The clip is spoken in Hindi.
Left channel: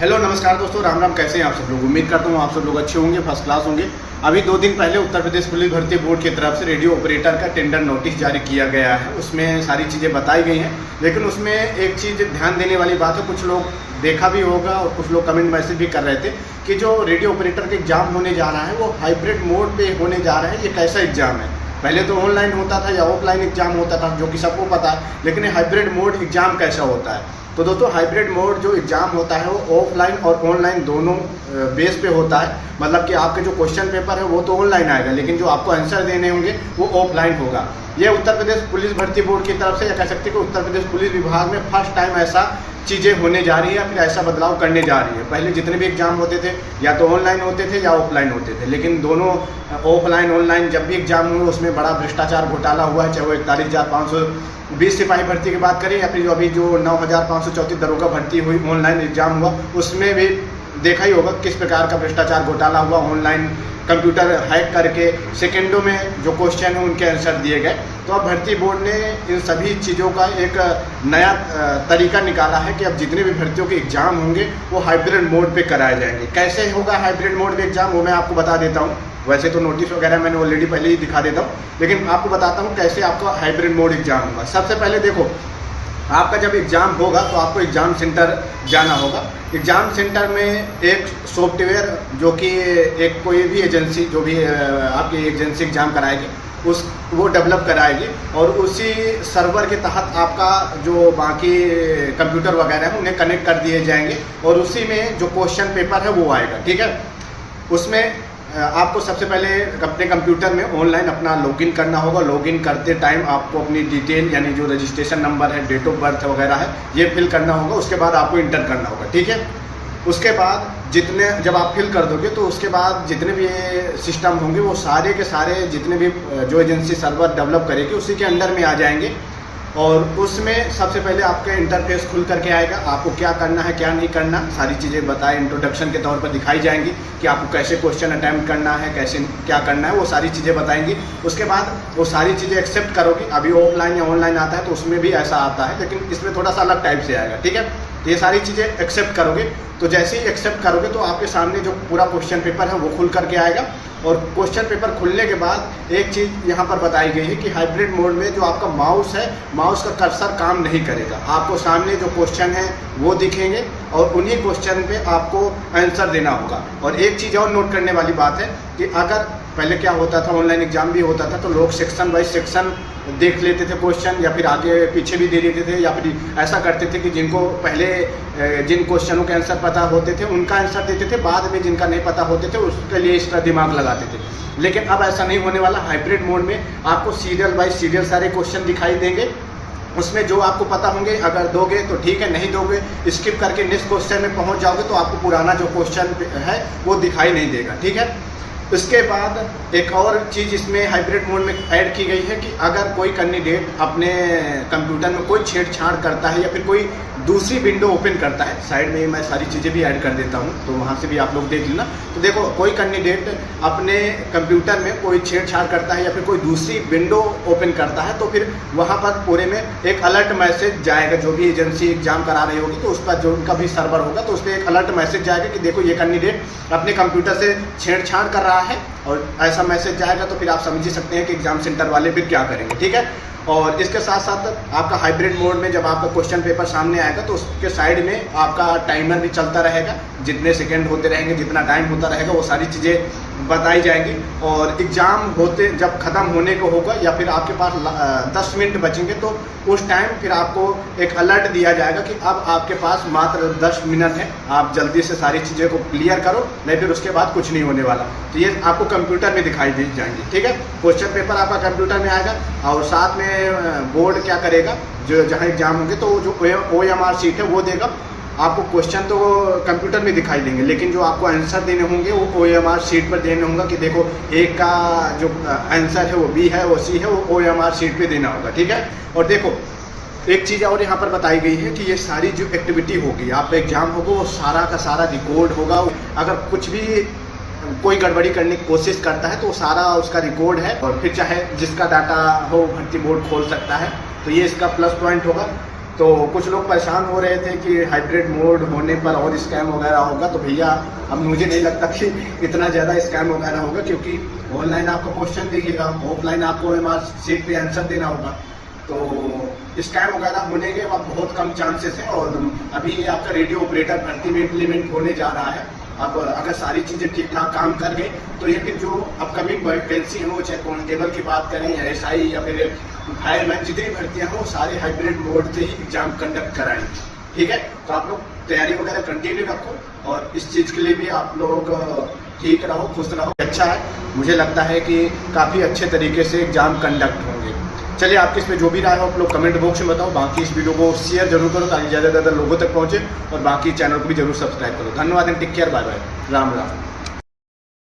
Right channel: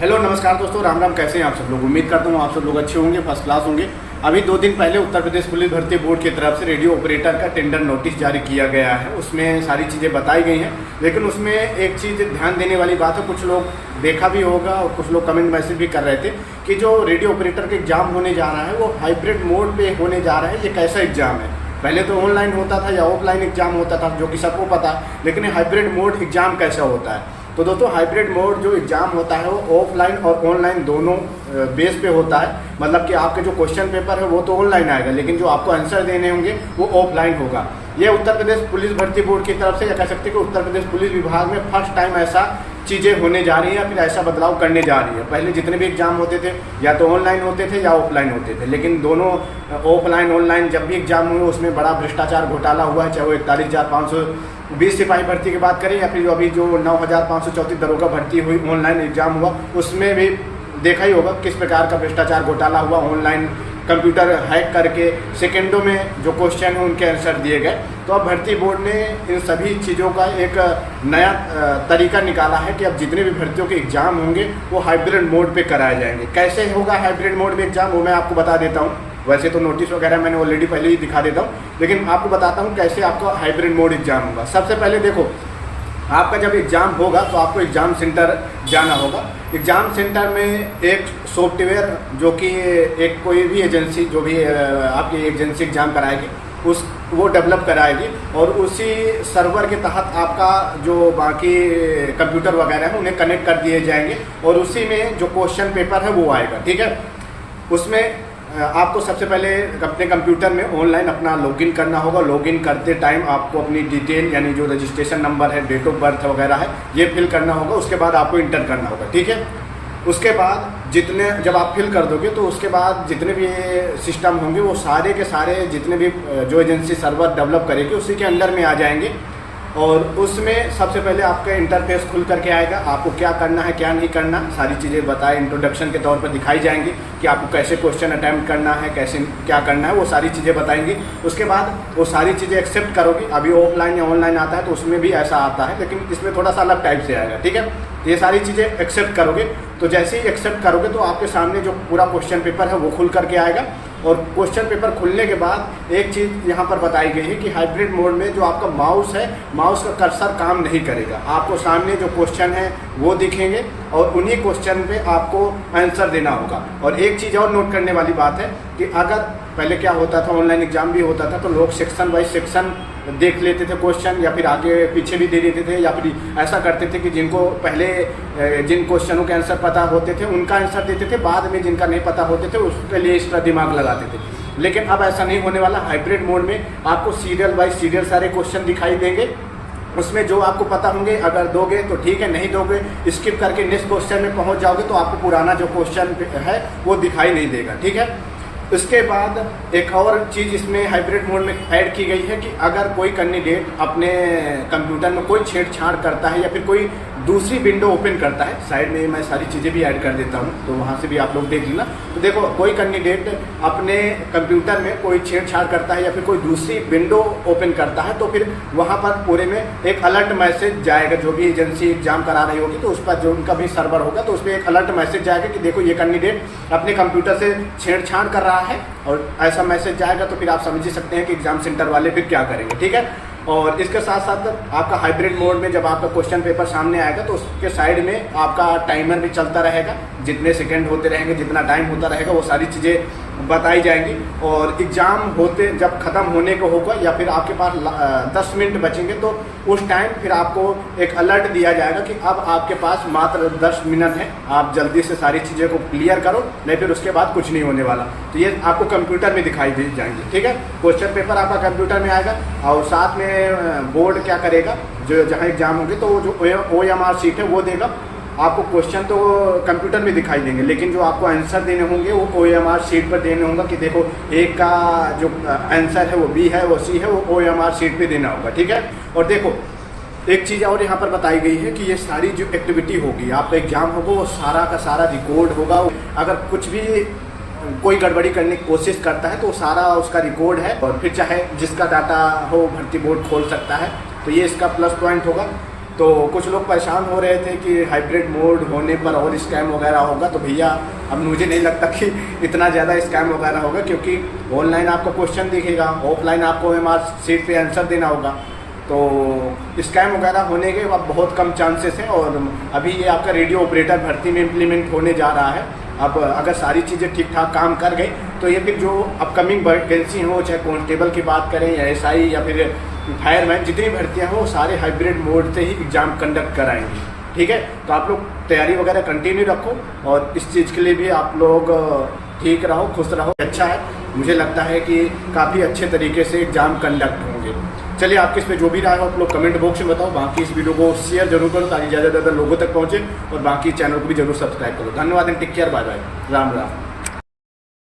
हेलो नमस्कार दोस्तों, राम राम। कैसे हैं आप सब लोग? उम्मीद करता हूँ आप सब लोग अच्छे होंगे, फर्स्ट क्लास होंगे। अभी 2 दिन पहले उत्तर प्रदेश पुलिस भर्ती बोर्ड की तरफ से रेडियो ऑपरेटर का टेंडर नोटिस जारी किया गया है। उसमें सारी चीज़ें बताई गई है, लेकिन उसमें एक चीज़ ध्यान देने वाली बात है। कुछ लोग देखा भी होगा और कुछ लोग कमेंट मैसेज भी कर रहे थे कि जो रेडियो ऑपरेटर का एग्जाम होने जा रहा है वो हाइब्रिड मोड पे होने जा रहा है। ये कैसा एग्जाम है? पहले तो ऑनलाइन होता था या ऑफलाइन एग्जाम होता था, जो कि सबको पता है, लेकिन हाइब्रिड मोड एग्जाम कैसा होता है? तो दोस्तों, हाइब्रिड मोड जो एग्ज़ाम होता है वो ऑफलाइन और ऑनलाइन दोनों बेस पे होता है। मतलब कि आपके जो क्वेश्चन पेपर है वो तो ऑनलाइन आएगा, लेकिन जो आपको आंसर देने होंगे वो ऑफलाइन होगा। ये उत्तर प्रदेश पुलिस भर्ती बोर्ड की तरफ से कह सकते हैं कि उत्तर प्रदेश पुलिस विभाग में फर्स्ट टाइम ऐसा चीज़ें होने जा रही है, फिर ऐसा बदलाव करने जा रही है। पहले जितने भी एग्जाम होते थे या तो ऑनलाइन होते थे या ऑफलाइन होते थे, लेकिन दोनों ऑफलाइन ऑनलाइन जब भी एग्जाम हुए उसमें बड़ा भ्रष्टाचार घोटाला हुआ है। चाहे वो 41,520 सिपाही भर्ती की बात करें या फिर अभी जो 9,534 दरोगा भर्ती हुई ऑनलाइन एग्जाम हुआ, उसमें भी देखा ही होगा किस प्रकार का भ्रष्टाचार घोटाला हुआ। ऑनलाइन कंप्यूटर हैक करके सेकेंडों में जो क्वेश्चन हैं उनके आंसर दिए गए। तो अब भर्ती बोर्ड ने इन सभी चीज़ों का एक नया तरीका निकाला है कि अब जितने भी भर्तियों के एग्जाम होंगे वो हाइब्रिड मोड पे कराए जाएंगे। कैसे होगा हाइब्रिड मोड में एग्जाम, वो मैं आपको बता देता हूँ। वैसे तो नोटिस वगैरह मैंने ऑलरेडी पहले ही दिखा देता हूँ, लेकिन आपको बताता हूँ कैसे आपका हाइब्रिड मोड एग्जाम होगा। सबसे पहले देखो, आपका जब एग्ज़ाम होगा तो आपको एग्ज़ाम सेंटर जाना होगा। एग्ज़ाम सेंटर में एक सॉफ्टवेयर जो कि एक कोई भी एजेंसी जो भी आपकी एजेंसी एग्ज़ाम कराएगी वो डेवलप कराएगी, और उसी सर्वर के तहत आपका जो बाकी कंप्यूटर वगैरह है उन्हें कनेक्ट कर दिए जाएंगे, और उसी में जो क्वेश्चन पेपर है वो आएगा। ठीक है, उसमें आपको सबसे पहले अपने कंप्यूटर में ऑनलाइन अपना लॉगिन करना होगा। लॉगिन करते टाइम आपको अपनी डिटेल यानी जो रजिस्ट्रेशन नंबर है, डेट ऑफ बर्थ वगैरह है, ये फिल करना होगा। उसके बाद आपको इंटर करना होगा। ठीक है, उसके बाद जब आप फिल कर दोगे तो उसके बाद जितने भी सिस्टम होंगे वो सारे के सारे जितने भी जो एजेंसी सर्वर डेवलप करेगी उसी के अंदर में आ जाएंगे, और उसमें सबसे पहले आपका इंटरफेस खुल करके आएगा। आपको क्या करना है क्या नहीं करना सारी चीज़ें बताए इंट्रोडक्शन के तौर पर दिखाई जाएंगी कि आपको कैसे क्वेश्चन अटैम्प्ट करना है, कैसे क्या करना है, वो सारी चीज़ें बताएंगी। उसके बाद वो सारी चीज़ें एक्सेप्ट करोगे। अभी ऑफलाइन या ऑनलाइन आता है तो उसमें भी ऐसा आता है, लेकिन इसमें थोड़ा सा अलग टाइप से आएगा। ठीक है, ये सारी चीज़ें एक्सेप्ट करोगे, तो जैसे ही एक्सेप्ट करोगे तो आपके सामने जो पूरा क्वेश्चन पेपर है वो खुल करके आएगा। और क्वेश्चन पेपर खुलने के बाद एक चीज़ यहाँ पर बताई गई है कि हाइब्रिड मोड में जो आपका माउस है, माउस का कर्सर काम नहीं करेगा। आपको सामने जो क्वेश्चन है वो दिखेंगे और उन्हीं क्वेश्चन पे आपको आंसर देना होगा। और एक चीज़ और नोट करने वाली बात है कि अगर पहले क्या होता था, ऑनलाइन एग्जाम भी होता था तो लोग सेक्शन बाई सेक्शन देख लेते थे क्वेश्चन, या फिर आगे पीछे भी दे देते थे, या फिर ऐसा करते थे कि जिनको पहले जिन क्वेश्चनों के आंसर पता होते थे उनका आंसर देते थे, बाद में जिनका नहीं पता होते थे उसके लिए एक्स्ट्रा दिमाग लगाते थे। लेकिन अब ऐसा नहीं होने वाला। हाइब्रिड मोड में आपको सीरियल बाय सीरियल सारे क्वेश्चन दिखाई देंगे। उसमें जो आपको पता होंगे अगर दोगे तो ठीक है, नहीं दोगे स्किप करके नेक्स्ट क्वेश्चन में पहुँच जाओगे तो आपको पुराना जो क्वेश्चन है वो दिखाई नहीं देगा। ठीक है, इसके बाद एक और चीज़ इसमें हाइब्रिड मोड में ऐड की गई है कि अगर कोई कैंडिडेट अपने कंप्यूटर में कोई छेड़छाड़ करता है या फिर कोई दूसरी विंडो ओपन करता है, साइड में मैं सारी चीज़ें भी ऐड कर देता हूँ तो वहाँ से भी आप लोग देख लेना। तो देखो, कोई कैंडिडेट अपने कंप्यूटर में कोई छेड़छाड़ करता है या फिर कोई दूसरी विंडो ओपन करता है तो फिर वहाँ पर पूरे में एक अलर्ट मैसेज जाएगा। जो भी एजेंसी एग्जाम करा रही होगी तो उस पर जो कभी सर्वर होगा तो उस पर एक अलर्ट मैसेज जाएगा कि देखो ये कैंडिडेट अपने कंप्यूटर से छेड़छाड़ कर रहा है, और ऐसा मैसेज जाएगा तो फिर आप समझ ही सकते हैं कि एग्जाम सेंटर वाले फिर क्या करेंगे। ठीक है, और इसके साथ साथ आपका हाइब्रिड मोड में जब आपका क्वेश्चन पेपर सामने आएगा तो उसके साइड में आपका टाइमर भी चलता रहेगा। जितने सेकंड होते रहेंगे, जितना टाइम होता रहेगा, वो सारी चीज़ें बताई जाएंगी। और एग्ज़ाम होते जब ख़त्म होने को होगा या फिर आपके पास 10 मिनट बचेंगे तो उस टाइम फिर आपको एक अलर्ट दिया जाएगा कि अब आपके पास मात्र 10 मिनट है, आप जल्दी से सारी चीज़ें को क्लियर करो, नहीं फिर उसके बाद कुछ नहीं होने वाला। तो ये आपको कंप्यूटर में दिखाई दे जाएंगे। ठीक है, क्वेश्चन पेपर आपका कंप्यूटर में आएगा, और साथ में बोर्ड क्या करेगा, जो जहाँ एग्जाम होंगे तो जो OMR शीट है वो देगा आपको। क्वेश्चन तो कंप्यूटर में दिखाई देंगे, लेकिन जो आपको आंसर देने होंगे वो OMR शीट पर देने होंगे कि देखो एक का जो आंसर है वो B है, वो C है, वो OMR शीट पे देना होगा। ठीक है, और देखो एक चीज़ और यहाँ पर बताई गई है कि ये सारी जो एक्टिविटी होगी, आपका एग्जाम होगा वो सारा का सारा रिकॉर्ड होगा। अगर कुछ भी कोई गड़बड़ी करने की कोशिश करता है तो सारा उसका रिकॉर्ड है, और फिर चाहे जिसका डाटा हो भर्ती बोर्ड खोल सकता है। तो ये इसका प्लस पॉइंट होगा। तो कुछ लोग परेशान हो रहे थे कि हाइब्रिड मोड होने पर और स्कैम वगैरह होगा, तो भैया अब मुझे नहीं लगता कि इतना ज़्यादा स्कैम वगैरह होगा, क्योंकि ऑनलाइन आपको क्वेश्चन दिखेगा, ऑफलाइन आपको सीट पे आंसर देना होगा। तो स्कैम वगैरह होने के अब बहुत कम चांसेस हैं। और अभी ये आपका रेडियो ऑपरेटर भर्ती में इम्प्लीमेंट होने जा रहा है। अब अगर सारी चीज़ें ठीक ठाक काम कर गई तो ये फिर जो अपकमिंग वैकेंसी हो, चाहे कांस्टेबल की बात करें या एसआई या फिर फायरमैन, जितनी भर्तियाँ हो सारे हाइब्रिड मोड से ही एग्ज़ाम कंडक्ट कराएंगे। ठीक है, तो आप लोग तैयारी वगैरह कंटिन्यू रखो और इस चीज़ के लिए भी आप लोग ठीक रहो, खुश रहो। अच्छा है, मुझे लगता है कि काफ़ी अच्छे तरीके से एग्ज़ाम कंडक्ट होंगे। चलिए, आपके इस पर जो भी राय हो आप लोग कमेंट बॉक्स में बताओ। बाकी इस वीडियो को शेयर जरूर करो ताकि ज़्यादा से ज़्यादा लोगों तक पहुँचे, और बाकी चैनल को भी जरूर सब्सक्राइब करो। धन्यवाद and take care, bye bye, Ram Ram.